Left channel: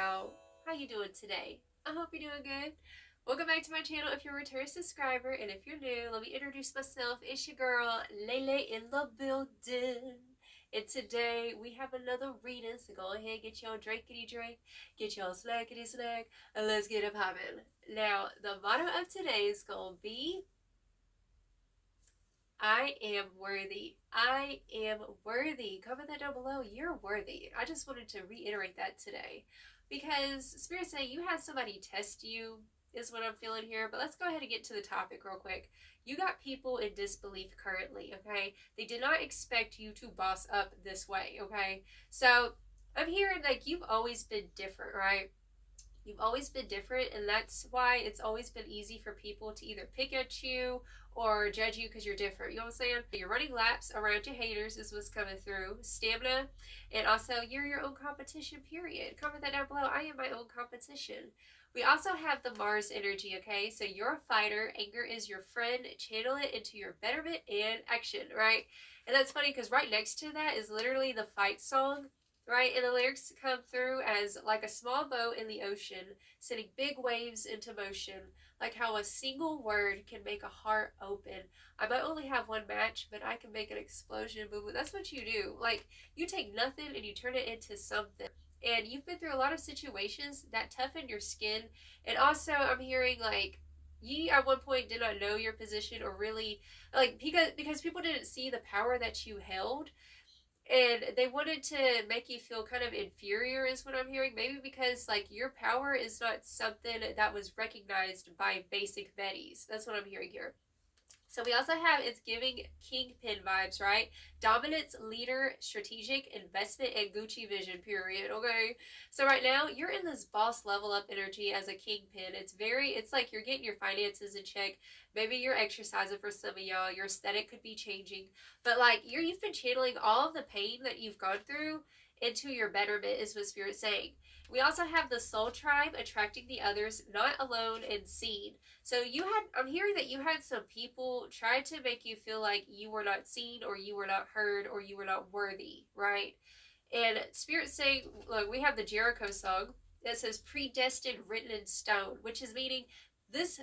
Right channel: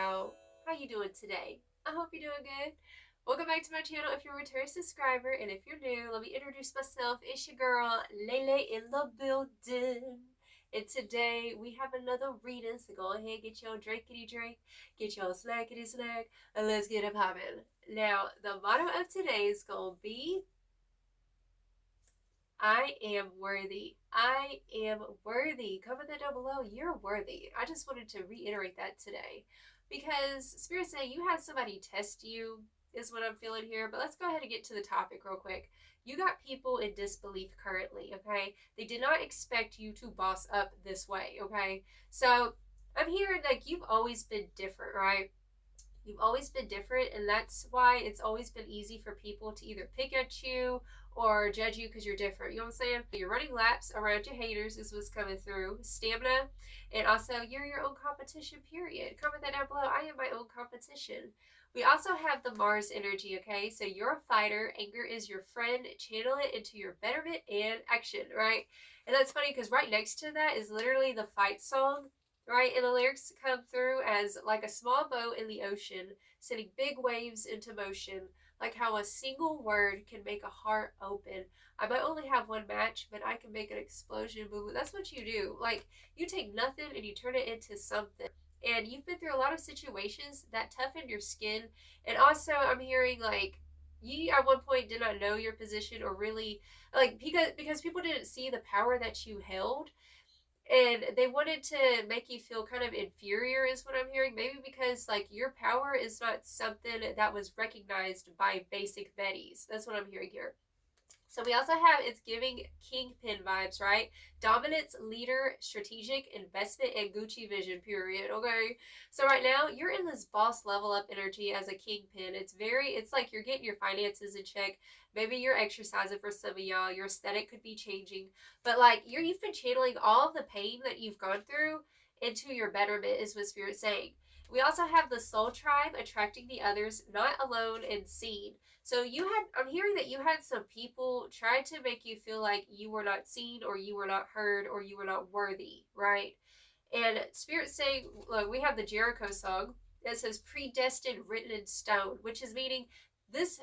y'all. How you doing today? I hope you're doing good. Welcome back to my channel if you're a return subscriber, and if you're new, let me introduce myself. It's your girl, Lele in the building. And today we have another reading, so go ahead, get your drinkity drink, get your snackity snack, and let's get it poppin'. Now, the motto of today is gonna be I am worthy. I am worthy. Comment that down below. You're worthy. I just wanted to reiterate that today because Spirit saying you had somebody test you is what I'm feeling here. But let's go ahead and get to the topic real quick. You got people in disbelief currently, okay? They did not expect you to boss up this way, okay? So I'm hearing like you've always been different, right? You've always been different, and that's why it's always been easy for people to either pick at you or judge you because you're different. You know what I'm saying? You're running laps around your haters is what's coming through. Stamina, and also you're your own competition, period. Comment that down below. I am my own competition. We also have the Mars energy, okay? So you're a fighter. Anger is your friend. Channel it into your betterment and action, right? And that's funny because right next to that is literally the fight song, right? And the lyrics come through as like a small boat in the ocean, sending big waves into motion, like how a single word can make a heart open. I might only have one match, but I can make an explosion move. That's what you do. Like, you take nothing and you turn it into something. And you've been through a lot of situations that toughen your skin. And also, I'm hearing like, you at one point did not know your position or really like because people didn't see the power that you held, and they wanted to make you feel kind of inferior is what I'm hearing. Maybe because like your power is not something that was recognized by basic Betties. That's what I'm hearing here. So we also have, it's giving Kingpin vibes, right? Dominance, leader, strategic, investment, and Gucci vision, period. Okay. So right now you're in this boss level up energy as a Kingpin. It's like you're getting your finances in check. Maybe you're exercising for some of y'all. Your aesthetic could be changing. But like you've been channeling all of the pain that you've gone through into your betterment is what Spirit's saying. We also have the soul tribe, attracting the others, not alone and seen. So I'm hearing that you had some people try to make you feel like you were not seen or you were not heard or you were not worthy, right? And Spirit's saying, look, we have the Jericho song that says predestined written in stone, which is meaning this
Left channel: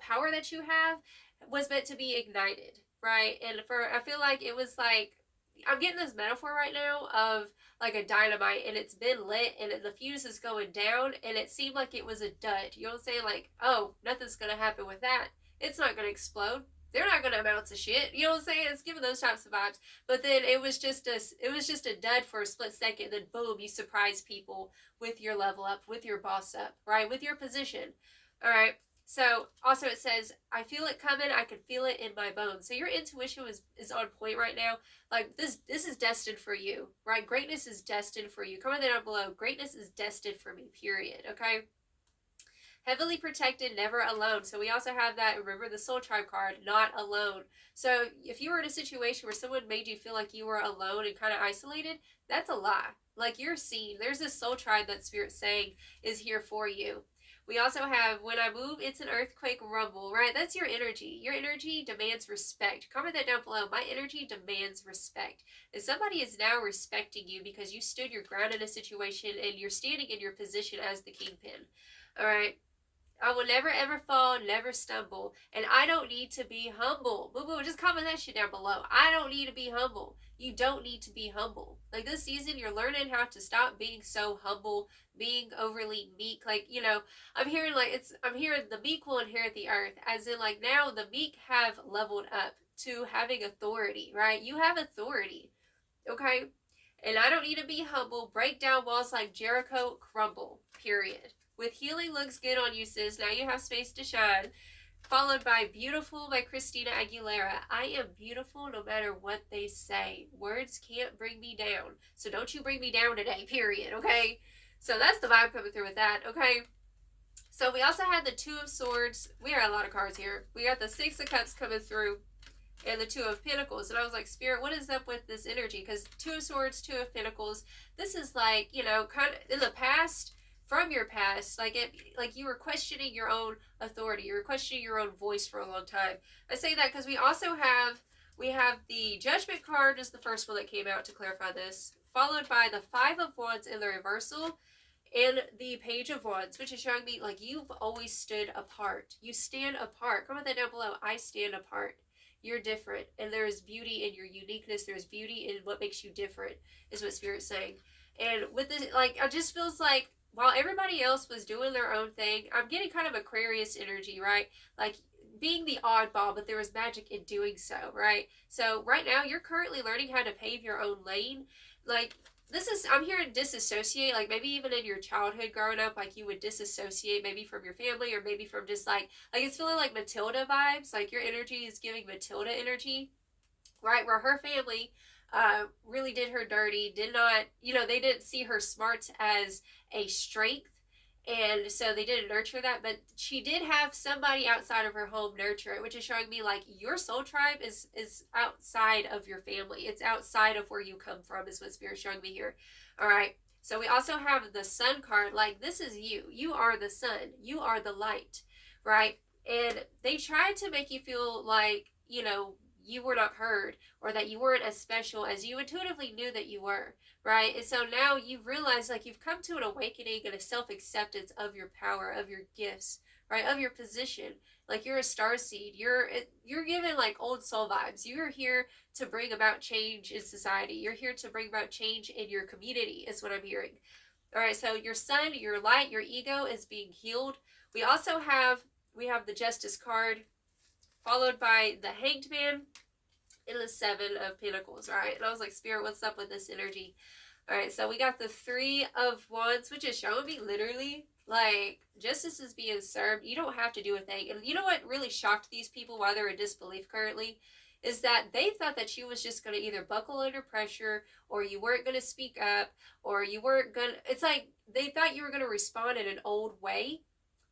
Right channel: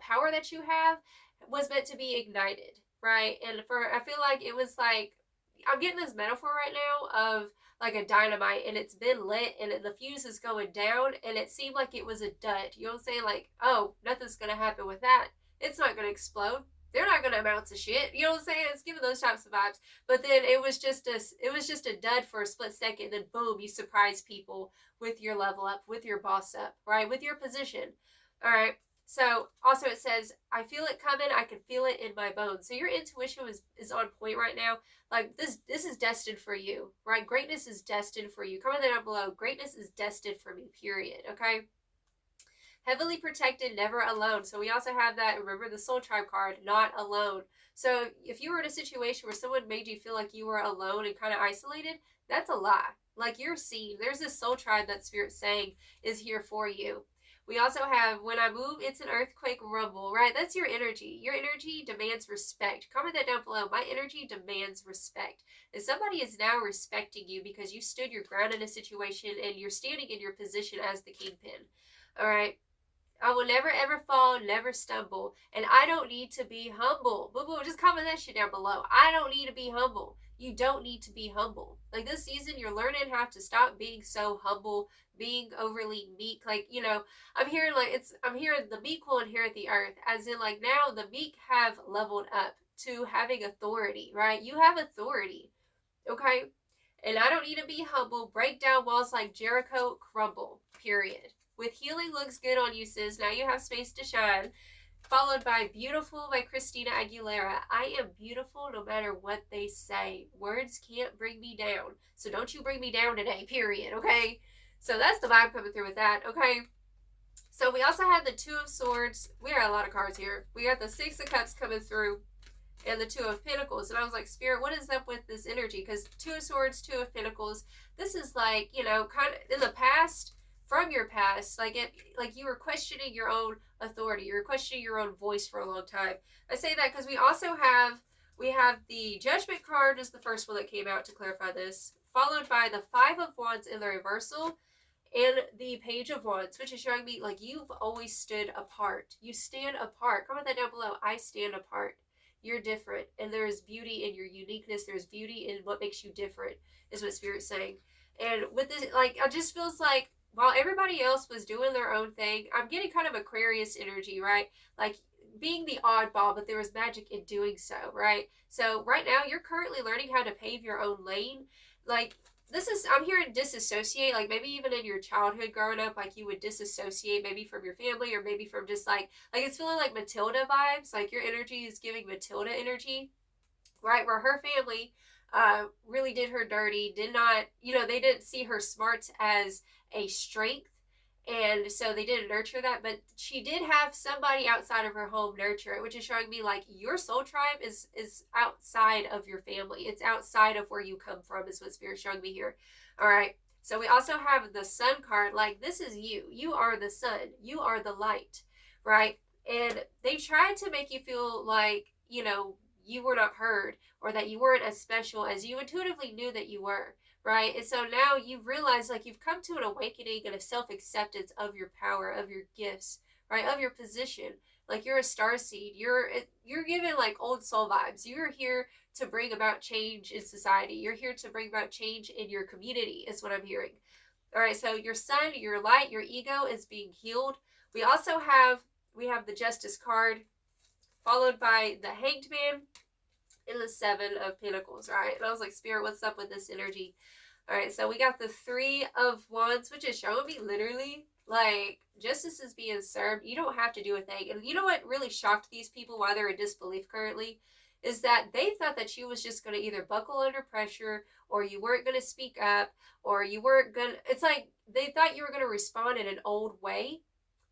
power that you have was meant to be ignited, right? And I feel like it was like, I'm getting this metaphor right now of like a dynamite, and it's been lit and the fuse is going down, and it seemed like it was a dud. You know what I'm saying? Like, oh, nothing's gonna happen with that. It's not gonna explode. They're not gonna amount to shit. You know what I'm saying? It's giving those types of vibes. But then it was just a dud for a split second. Then boom, you surprise people with your level up, with your boss up, right? With your position. All right. So also it says, I feel it coming. I can feel it in my bones. So your intuition is on point right now. Like this is destined for you, right? Greatness is destined for you. Comment that down below. Greatness is destined for me, period. Okay. Heavily protected, never alone. So we also have that, remember the soul tribe card, not alone. So if you were in a situation where someone made you feel like you were alone and kind of isolated, that's a lie. Like you're seen. There's this soul tribe that Spirit's saying is here for you. We also have, when I move, it's an earthquake rumble, right? That's your energy. Your energy demands respect. Comment that down below. My energy demands respect. And somebody is now respecting you because you stood your ground in a situation and you're standing in your position as the Kingpin. All right. I will never ever fall, never stumble. And I don't need to be humble. Boo boo, just comment that shit down below. I don't need to be humble. You don't need to be humble. Like this season, you're learning how to stop being so humble, being overly meek. Like, you know, I'm hearing the meek will inherit the earth. As in, like, now the meek have leveled up to having authority, right? You have authority. Okay? And I don't need to be humble. Break down walls like Jericho, crumble. Period. With healing looks good on you, sis. Now you have space to shine. Followed by Beautiful by Christina Aguilera. I am beautiful no matter what they say. Words can't bring me down. So don't you bring me down today, period, okay? So that's the vibe coming through with that, okay? So we also have the Two of Swords. We got a lot of cards here. We got the Six of Cups coming through and the Two of Pentacles. And I was like, Spirit, what is up with this energy? Because Two of Swords, Two of Pentacles, this is like, you know, kind of in the past, from your past, like you were questioning your own authority, you were questioning your own voice for a long time. I say that because we have the Judgment card is the first one that came out to clarify this, followed by the Five of Wands in the reversal, And the Page of Wands, which is showing me like you've always stood apart. You stand apart. Comment that down below. I stand apart. You're different. And there's beauty in your uniqueness. There's beauty in what makes you different, is what Spirit's saying. And with this, like, it just feels like while everybody else was doing their own thing, I'm getting kind of Aquarius energy, right? Like being the oddball, but there was magic in doing so, right? So right now you're currently learning how to pave your own lane. Like, this is, I'm hearing disassociate, like maybe even in your childhood growing up, like you would disassociate maybe from your family or maybe from just like it's feeling like Matilda vibes, like your energy is giving Matilda energy, right? Where her family really did her dirty, did not, they didn't see her smarts as a strength. And so they didn't nurture that, but she did have somebody outside of her home nurture it, which is showing me like your soul tribe is outside of your family. It's outside of where you come from, is what Spirit's showing me here. All right. So we also have the Sun card. Like, this is you. You are the sun. You are the light, right? And they tried to make you feel like, you were not heard, or that you weren't as special as you intuitively knew that you were, right? And so now you've realized, like, you've come to an awakening and a self-acceptance of your power, of your gifts, right? Of your position. Like, you're a starseed. You're given like old soul vibes. You're here to bring about change in society. You're here to bring about change in your community, is what I'm hearing. All right, so your sun, your light, your ego is being healed. We also have the Justice card, followed by the Hanged Man and the Seven of Pentacles, right? And I was like, Spirit, what's up with this energy? All right, so we got the Three of Wands, which is showing me literally like justice is being served. You don't have to do a thing. And you know what really shocked these people why they're in disbelief currently? Is that they thought that you was just going to either buckle under pressure, or you weren't going to speak up, or you weren't going to, it's like they thought you were going to respond in an old way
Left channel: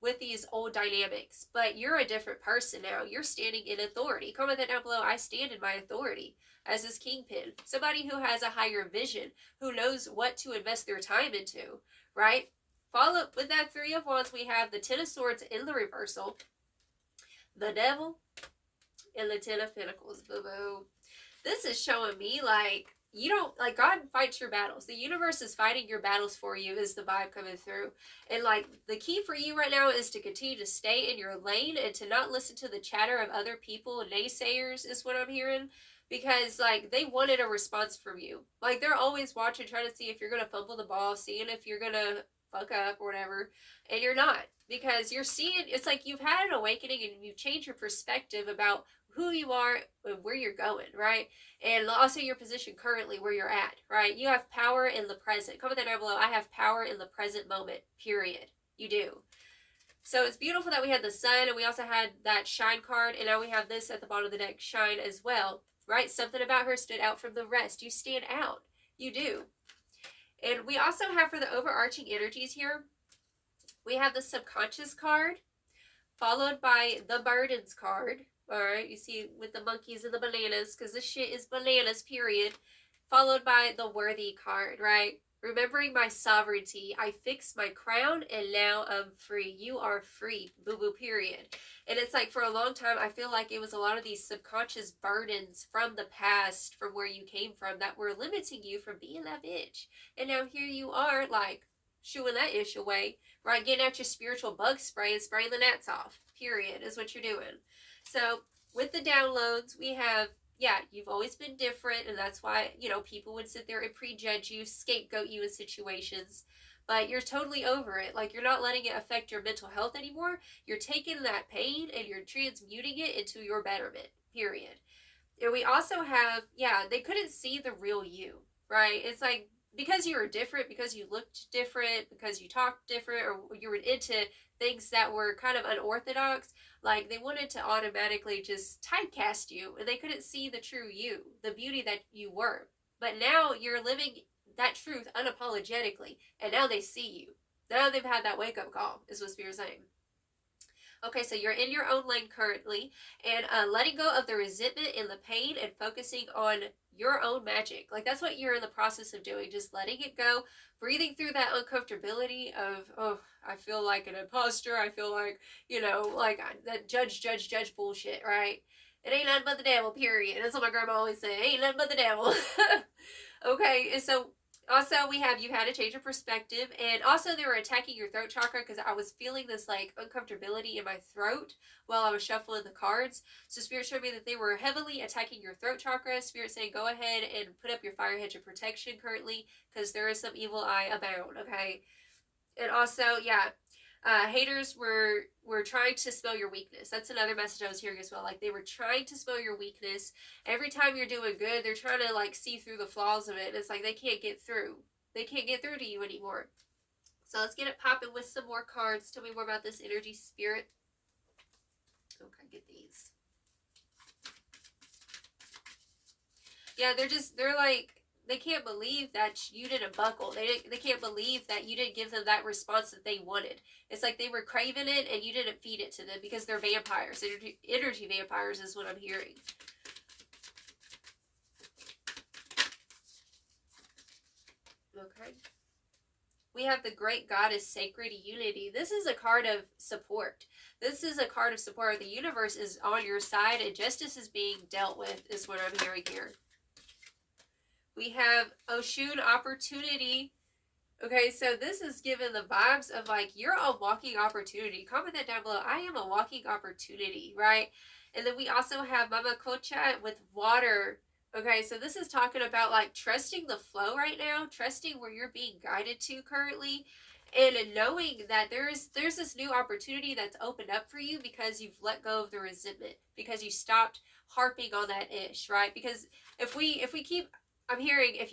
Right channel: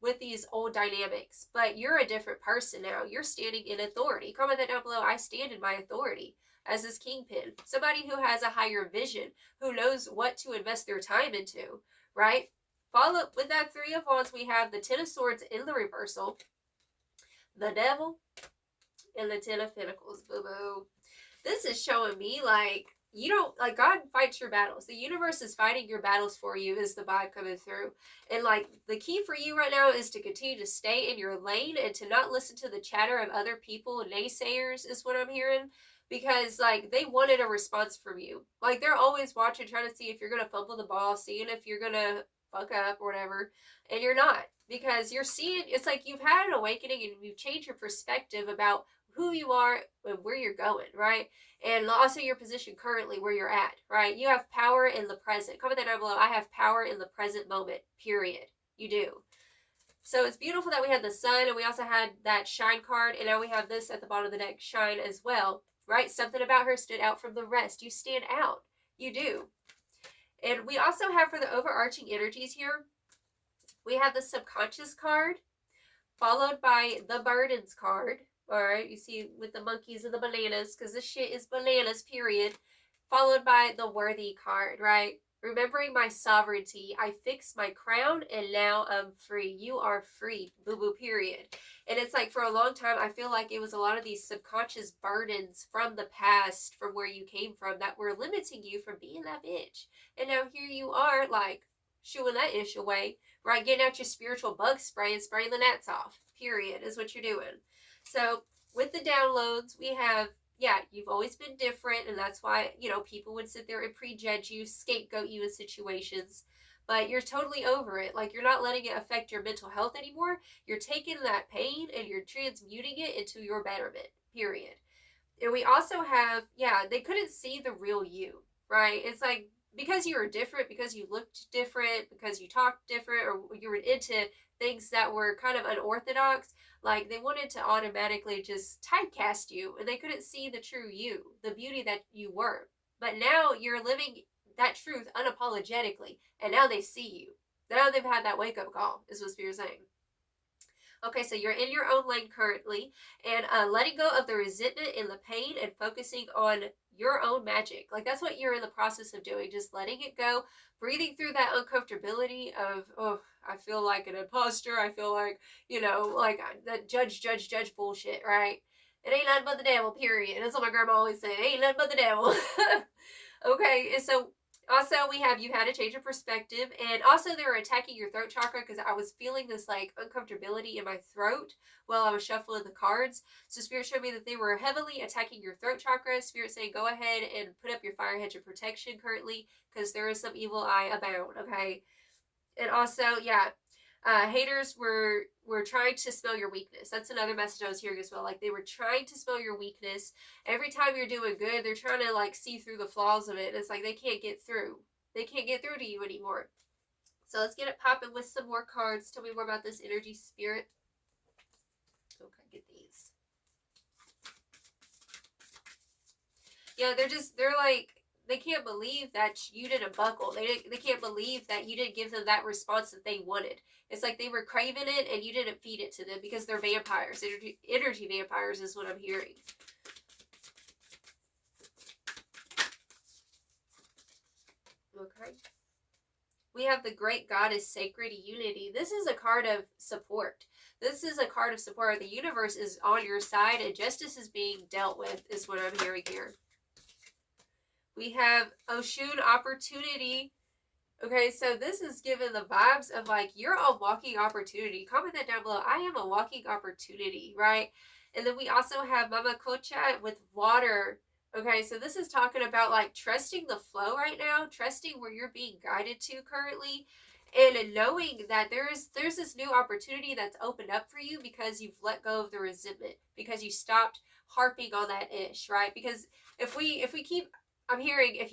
with these old dynamics, but you're a different person now. You're standing in authority. Comment that down below. I stand in my authority as this Kingpin. Somebody who has a higher vision, who knows what to invest their time into, right? Follow with that Three of Wands, we have the Ten of Swords in the reversal, the Devil, and the Ten of Pentacles. Boo-boo. This is showing me like, you don't, like, God fights your battles. The universe is fighting your battles for you, is the vibe coming through. And like, the key for you right now is to continue to stay in your lane and to not listen to the chatter of other people, naysayers, is what I'm hearing. Because like, they wanted a response from you. Like, they're always watching, trying to see if you're gonna fumble the ball, seeing if you're gonna fuck up or whatever, and you're not. Because you're seeing, it's like you've had an awakening and you've changed your perspective about who you are and where you're going, right? And also your position currently where you're at, right? You have power in the present. Comment that down below. I have power in the present moment, period. You do. So it's beautiful that we had the sun, and we also had that shine card, and now we have this at the bottom of the deck, shine as well, right? Something about her stood out from the rest. You stand out. You do. And we also have, for the overarching energies here, we have the subconscious card, followed by the burdens card. All right, you see with the monkeys and the bananas, because this shit is bananas, period. Followed by the worthy card, right? Remembering my sovereignty, I fixed my crown and now I'm free. You are free, boo-boo, period. And it's like, for a long time, I feel like it was a lot of these subconscious burdens from the past, from where you came from, that were limiting you from being that bitch. And now here you are, like, shooing that ish away, right? Getting out your spiritual bug spray and spraying the gnats off, period, is what you're doing. So with the downloads, we have, yeah, you've always been different, and that's why, people would sit there and prejudge you, scapegoat you in situations, but you're totally over it. Like, you're not letting it affect your mental health anymore. You're taking that pain and you're transmuting it into your betterment, period. And we also have, yeah, they couldn't see the real you, right? It's like, because you were different, because you looked different, because you talked different, or you were into things that were kind of unorthodox, like, they wanted to automatically just typecast you, and they couldn't see the true you, the beauty that you were. But now you're living that truth unapologetically, and now they see you. Now they've had that wake-up call, is what Spirit's saying. Okay, so you're in your own lane currently, and letting go of the resentment and the pain and focusing on your own magic. Like, that's what you're in the process of doing, just letting it go, breathing through that uncomfortability of, oh, I feel like an imposter, I feel like, like that judge bullshit, right? It ain't nothing but the devil, period. That's what my grandma always said, it ain't nothing but the devil. Okay, and so Also, we have you had a change of perspective, and also they were attacking your throat chakra because I was feeling this like uncomfortability in my throat while I was shuffling the cards. So Spirit showed me that they were heavily attacking your throat chakra. Spirit saying go ahead and put up your fire hedge of protection currently because there is some evil eye abound, okay? And also, yeah, haters were trying to spell your weakness. That's another message I was hearing as well. Like they were trying to spell your weakness. Every time you're doing good, they're trying to like see through the flaws of it. And it's like they can't get through. They can't get through to you anymore. So let's get it popping with some more cards. Tell me more about this energy, Spirit. Okay, get these. Yeah, they're like, they can't believe that you didn't buckle. They can't believe that you didn't give them that response that they wanted. It's like they were craving it and you didn't feed it to them because they're vampires. Energy vampires is what I'm hearing. Okay. We have the Great Goddess Sacred Unity. This is a card of support. This is a card of support. The universe is on your side and justice is being dealt with is what I'm hearing here. We have Oshun Opportunity. Okay, so this is given the vibes of like, you're a walking opportunity. Comment that down below. I am a walking opportunity, right? And then we also have Mama Kocha with water. Okay, so this is talking about like trusting the flow right now, trusting where you're being guided to currently, and knowing that there's this new opportunity that's opened up for you because you've let go of the resentment, because you stopped harping on that ish, right? Because if we keep, I'm hearing if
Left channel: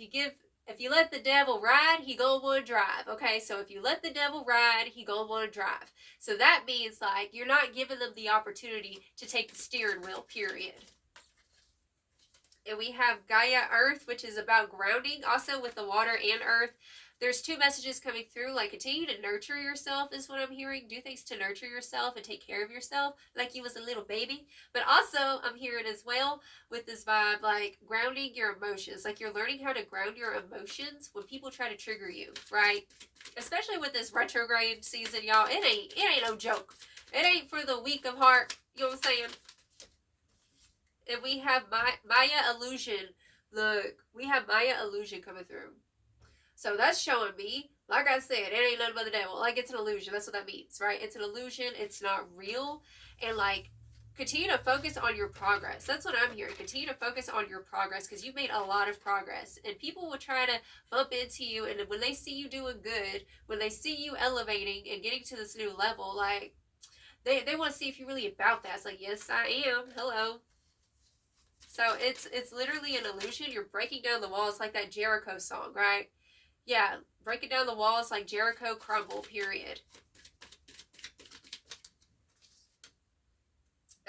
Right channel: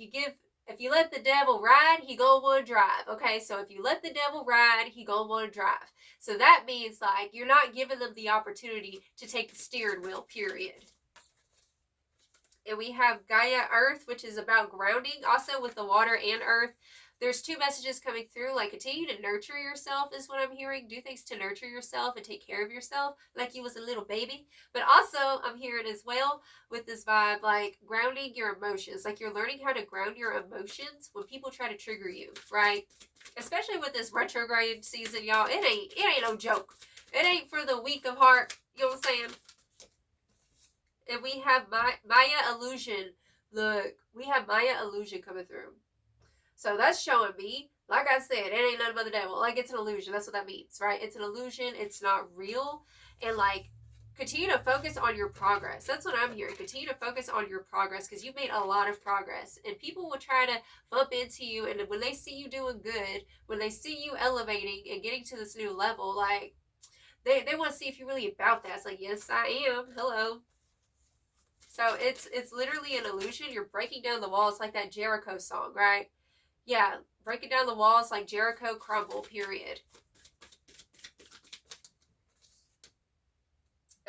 you let the devil ride, he gonna want to drive. Okay, so if you let the devil ride, he gonna want to drive. So that means like you're not giving them the opportunity to take the steering wheel, period. And we have Gaia Earth, which is about grounding, also with the water and earth. There's two messages coming through, like continue to nurture yourself is what I'm hearing. Do things to nurture yourself and take care of yourself like you was a little baby. But also I'm hearing as well with this vibe, like grounding your emotions. Like you're learning how to ground your emotions when people try to trigger you, right? Especially with this retrograde season, y'all. It ain't no joke. It ain't for the weak of heart. You know what I'm saying? And we have Maya Illusion. Look, we have Maya Illusion coming through. So that's showing me, like I said, it ain't nothing but the devil. Like it's an illusion. That's what that means, right? It's an illusion. It's not real. And like, continue to focus on your progress. That's what I'm hearing. Continue to focus on your progress because you've made a lot of progress. And people will try to bump into you. And when they see you doing good, when they see you elevating and getting to this new level, like, they want to see if you're really about that. It's like, yes, I am. Hello. So it's literally an illusion. You're breaking down the walls like that Jericho song, right? Yeah, breaking down the walls like Jericho crumble, period.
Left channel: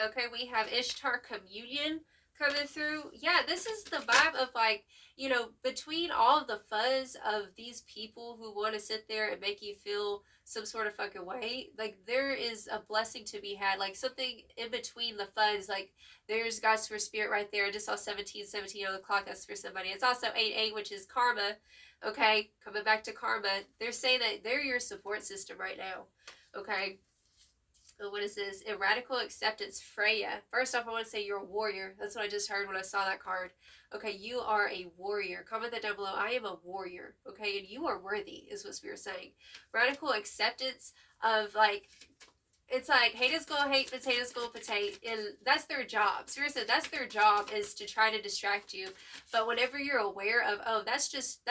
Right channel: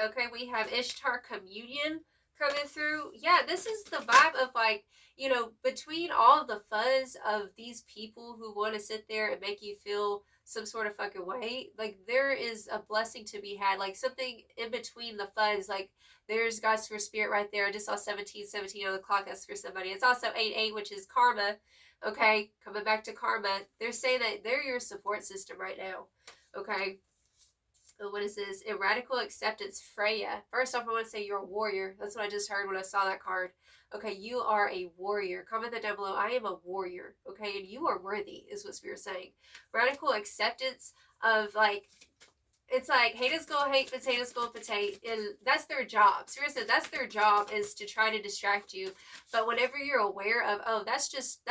Okay, we have Ishtar Communion coming through. Yeah, this is the vibe of like, you know, between all of the fuzz of these people who want to sit there and make you feel some sort of fucking way, like there is a blessing to be had, like something in between the fuzz. Like there's God's for Spirit right there. I just saw 1717 on the clock. That's for somebody. It's also 88, which is karma. Okay, coming back to karma. They're saying that they're your support system right now. Okay. What is this? A radical acceptance, Freya. First off, I want to say you're a warrior. That's what I just heard when I saw that card. Okay, you are a warrior. Comment that down below. I am a warrior. Okay, and you are worthy, is what Spirit's saying. Radical acceptance of like, it's like haters gonna hate, potatoes gonna potato, and that's their job. Spirit said that's their job, is to try to distract you. But whenever you're aware of, oh, that's just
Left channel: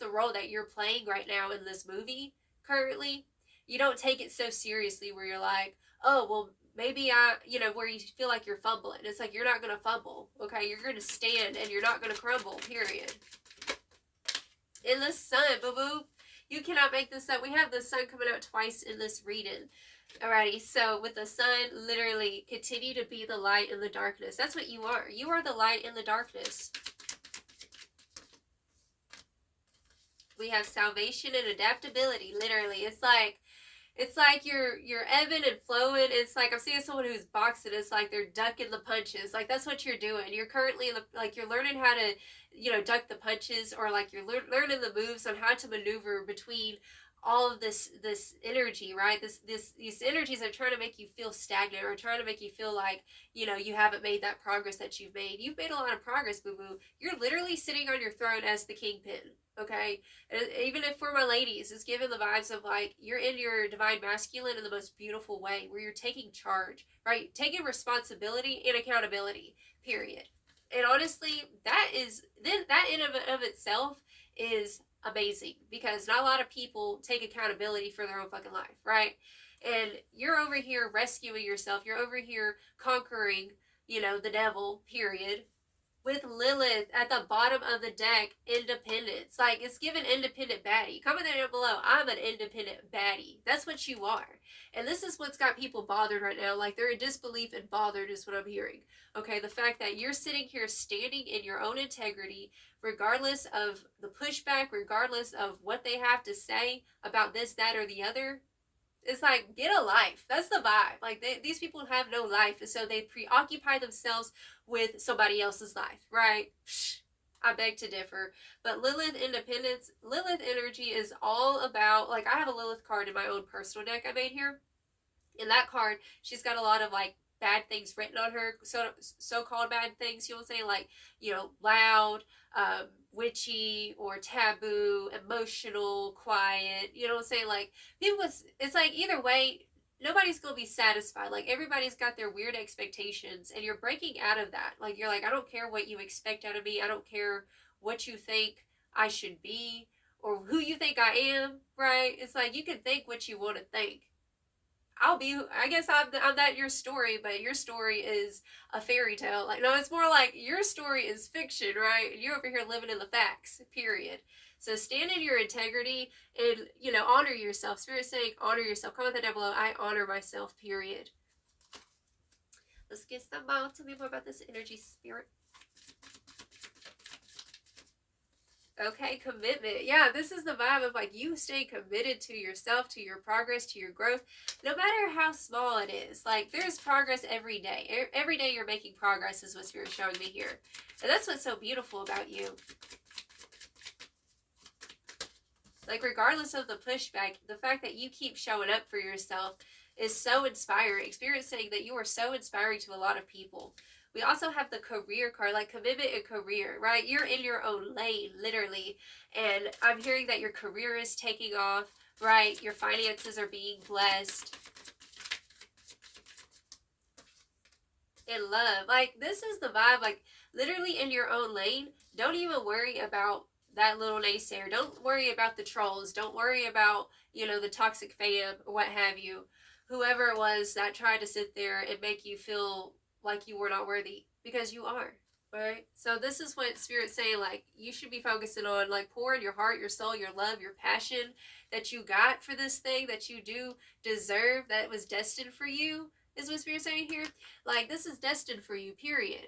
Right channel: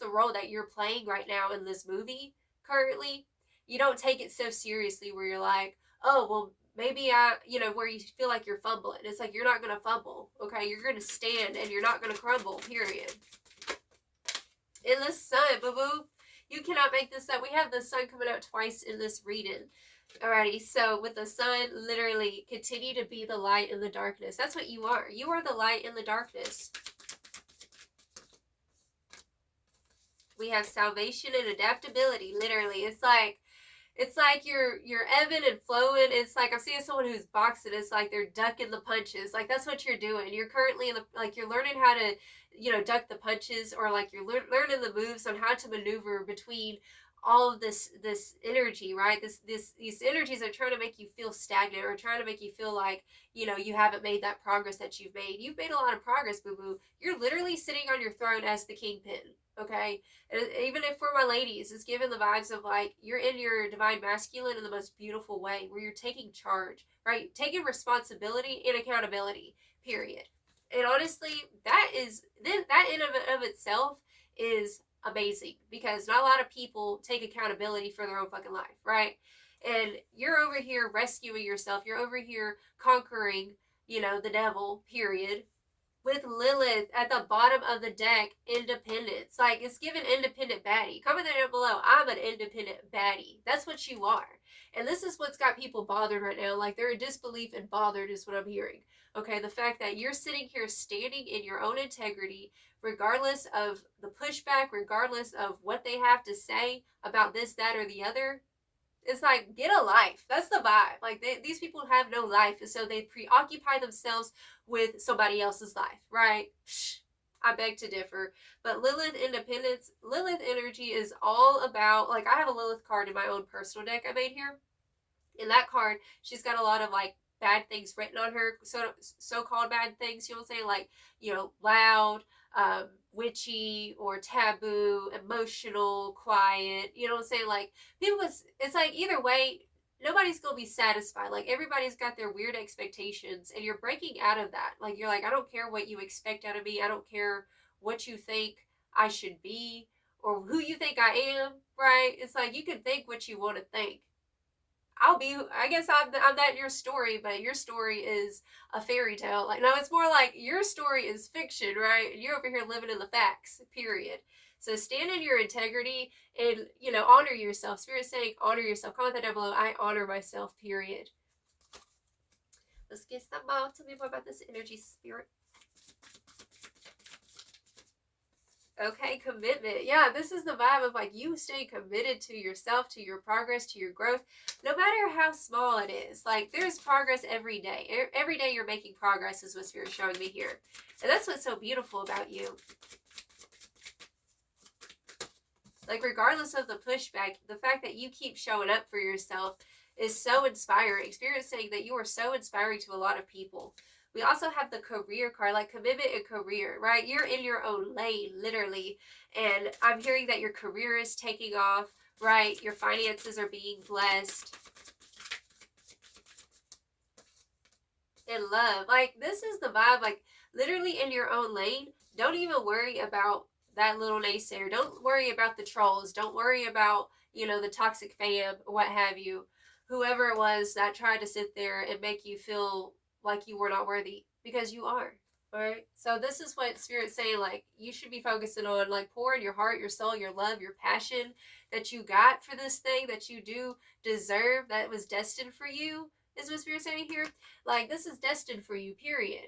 the role that you're playing right now in this movie currently, you don't take it so seriously where you're like, oh, well, maybe where you feel like you're fumbling. It's like you're not gonna fumble, okay? You're gonna stand and you're not gonna crumble, period. In the sun, boo-boo. You cannot make this up. We have the sun coming out twice in this reading. Alrighty, so with the sun, literally, continue to be the light in the darkness. That's what you are. You are the light in the darkness. We have salvation and adaptability, literally. It's like you're ebbing and flowing. It's like I'm seeing someone who's boxing. It's like they're ducking the punches. Like that's what you're doing. You're currently in the, like you're learning how to, duck the punches, or like you're learning the moves on how to maneuver between all of this energy, right? These energies are trying to make you feel stagnant, or trying to make you feel like, you know, you haven't made that progress that you've made. You've made a lot of progress, boo boo. You're literally sitting on your throne as the kingpin. Okay, and even if for my ladies, it's given the vibes of like you're in your divine masculine in the most beautiful way, where you're taking charge, right? Taking responsibility and accountability. Period. And honestly, that in of itself is amazing, because not a lot of people take accountability for their own fucking life, right? And you're over here rescuing yourself. You're over here conquering, you know, the devil. Period, with Lilith at the bottom of the deck, independence. Like, it's given independent baddie. Comment down below. I'm an independent baddie. That's what you are. And this is what's got people bothered right now. Like, they're in disbelief and bothered is what I'm hearing. Okay, the fact that you're sitting here standing in your own integrity, regardless of the pushback, regardless of what they have to say about this, that, or the other. It's like, get a life. That's the vibe. Like, these people have no life, and so they preoccupy themselves with somebody else's life, right? I beg to differ. But Lilith independence, Lilith energy is all about, like, I have a Lilith card in my own personal deck I made here. In that card, she's got a lot of, like, bad things written on her, so-called bad things, you know what I'm saying? Like, you know, loud, witchy, or taboo, emotional, quiet, you know what I'm saying? Like, people, it's like, either way, nobody's gonna be satisfied. Like, everybody's got their weird expectations, and you're breaking out of that. Like, you're like, I don't care what you expect out of me. I don't care what you think I should be, or who you think I am, right? It's like, you can think what you want to think. I guess I'm that your story, but your story is a fairy tale. Like, no, it's more like your story is fiction, right? You're over here living in the facts, period. So stand in your integrity and, you know, honor yourself. Spirit saying, honor yourself. Comment that down below. I honor myself, period. Let's get some more. Tell me more about this energy, Spirit. Okay, commitment. Yeah, this is the vibe of like you stay committed to yourself, to your progress, to your growth, no matter how small it is. Like, there's progress every day. Every day you're making progress is what Spirit's showing me here. And that's what's so beautiful about you. Like, regardless of the pushback, the fact that you keep showing up for yourself is so inspiring. Spirit's saying that you are so inspiring to a lot of people. We also have the career card, like commitment and career, right? You're in your own lane, literally. And I'm hearing that your career is taking off, right? Your finances are being blessed. And love. Like, this is the vibe, like, literally in your own lane. Don't even worry about that little naysayer. Don't worry about the trolls. Don't worry about, you know, the toxic fam or what have you. Whoever it was that tried to sit there and make you feel like you were not worthy, because you are, right? So this is what Spirit's saying, like, you should be focusing on, like, pouring your heart, your soul, your love, your passion that you got for this thing that you do deserve, that was destined for you, is what Spirit's saying here. Like, this is destined for you, period.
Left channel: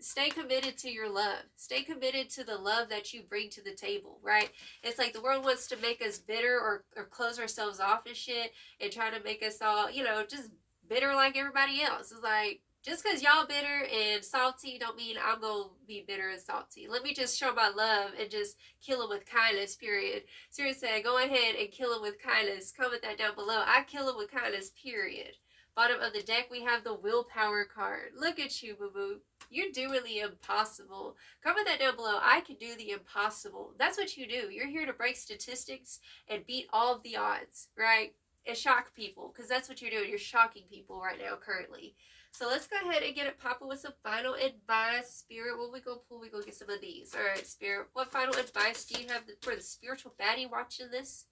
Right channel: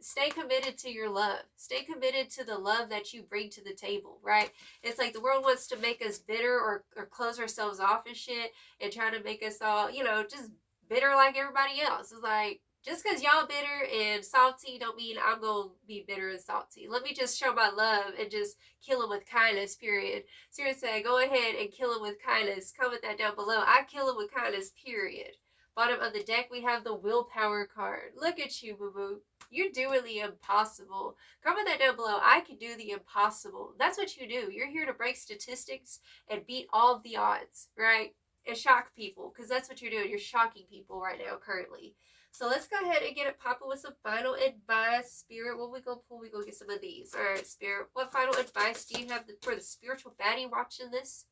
Stay committed to your love. Stay committed to the love that you bring to the table, right? It's like the world wants to make us bitter or close ourselves off and shit, and try to make us all, you know, just bitter like everybody else. It's like, just because y'all bitter and salty don't mean I'm going to be bitter and salty. Let me just show my love and just kill them with kindness, period. Seriously, go ahead and kill them with kindness. Comment that down below. I kill them with kindness, period. Bottom of the deck, we have the willpower card. Look at you, boo-boo. You're doing the impossible. Comment that down below. I can do the impossible. That's what you do. You're here to break statistics and beat all of the odds, right? And shock people, because that's what you're doing. You're shocking people right now, currently. So let's go ahead and get it popping with some final advice. Spirit, what we go pull? We go get some of these. All right, Spirit, what final advice do you have for the spiritual baddie watching this?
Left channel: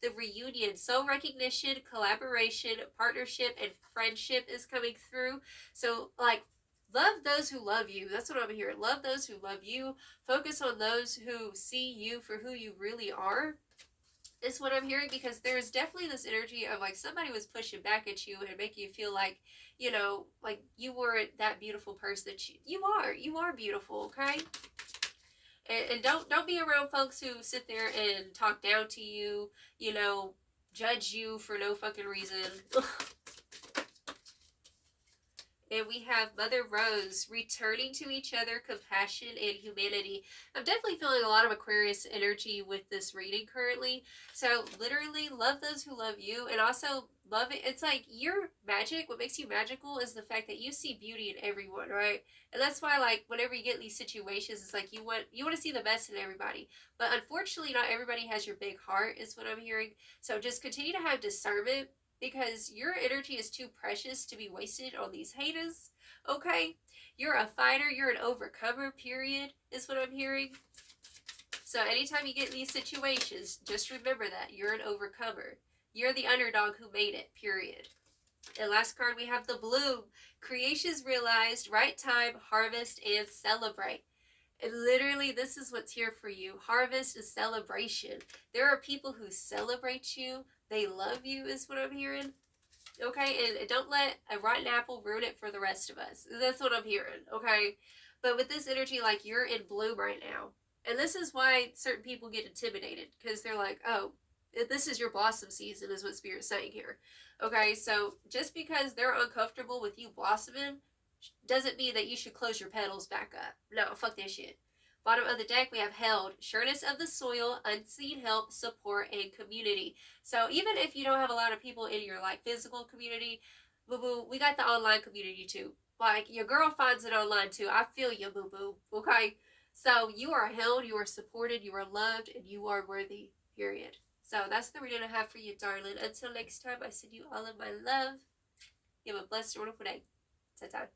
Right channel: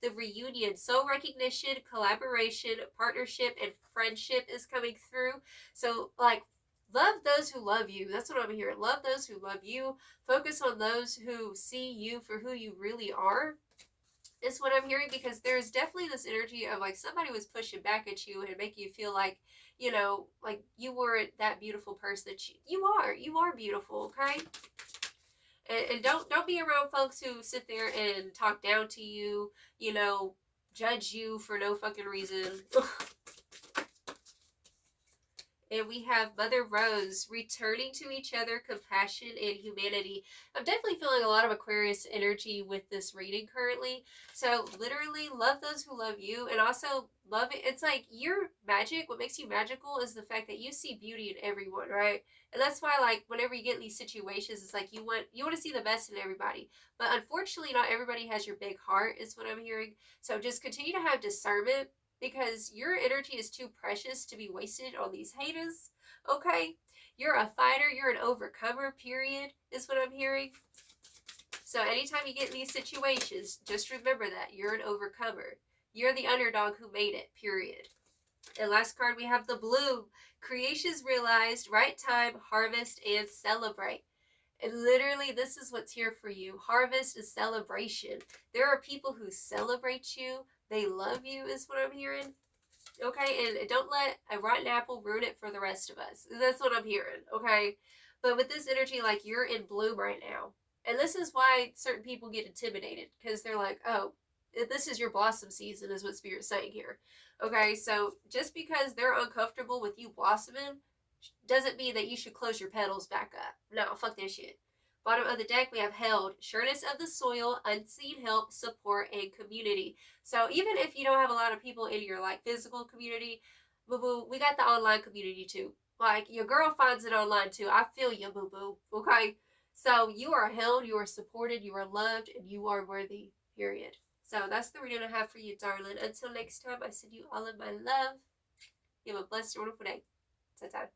The reunion, soul recognition, collaboration, partnership, and friendship is coming through. So, like, love those who love you. That's what I'm hearing. Love those who love you. Focus on those who see you for who you really are. Is what I'm hearing, because there's definitely this energy of like somebody was pushing back at you and making you feel like, you know, like you weren't that beautiful person that you are beautiful, okay? And don't be around folks who sit there and talk down to you, you know, judge you for no fucking reason. And we have Mother Rose, returning to each other, compassion, and humanity. I'm definitely feeling a lot of Aquarius energy with this reading currently. So, literally, love those who love you, and also love it. It's like your magic, what makes you magical is the fact that you see beauty in everyone, right? And that's why, like, whenever you get in these situations, it's like you want to see the best in everybody. But unfortunately, not everybody has your big heart, is what I'm hearing. So, just continue to have discernment because your energy is too precious to be wasted on these haters. Okay? You're a fighter, you're an overcomer, period, is what I'm hearing. So anytime you get in these situations, just remember that you're an overcomer. You're the underdog who made it, period. And last card, we have the bloom. Creations realized, right time, harvest, and celebrate. And literally, this is what's here for you. Harvest is celebration. There are people who celebrate you. They love you, is what I'm hearing. Okay, and don't let a rotten apple ruin it for the rest of us. That's what I'm hearing. Okay, but with this energy, like you're in bloom right now, and this is why certain people get intimidated because they're like, oh, this is your blossom season, is what Spirit's saying here. Okay, so just because they're uncomfortable with you blossoming doesn't mean that you should close your petals back up. No, fuck that shit. Bottom of the deck, we have held, sureness of the soil, unseen help, support, and community. So even if you don't have a lot of people in your like physical community, boo boo, we got the online community too. Like your girl finds it online too. I feel you, boo boo. Okay, so you are held, you are supported, you are loved, and you are worthy. Period. So that's the reading I have for you, darling. Until next time, I send you all of my love. You have a blessed, wonderful day. Ta-ta.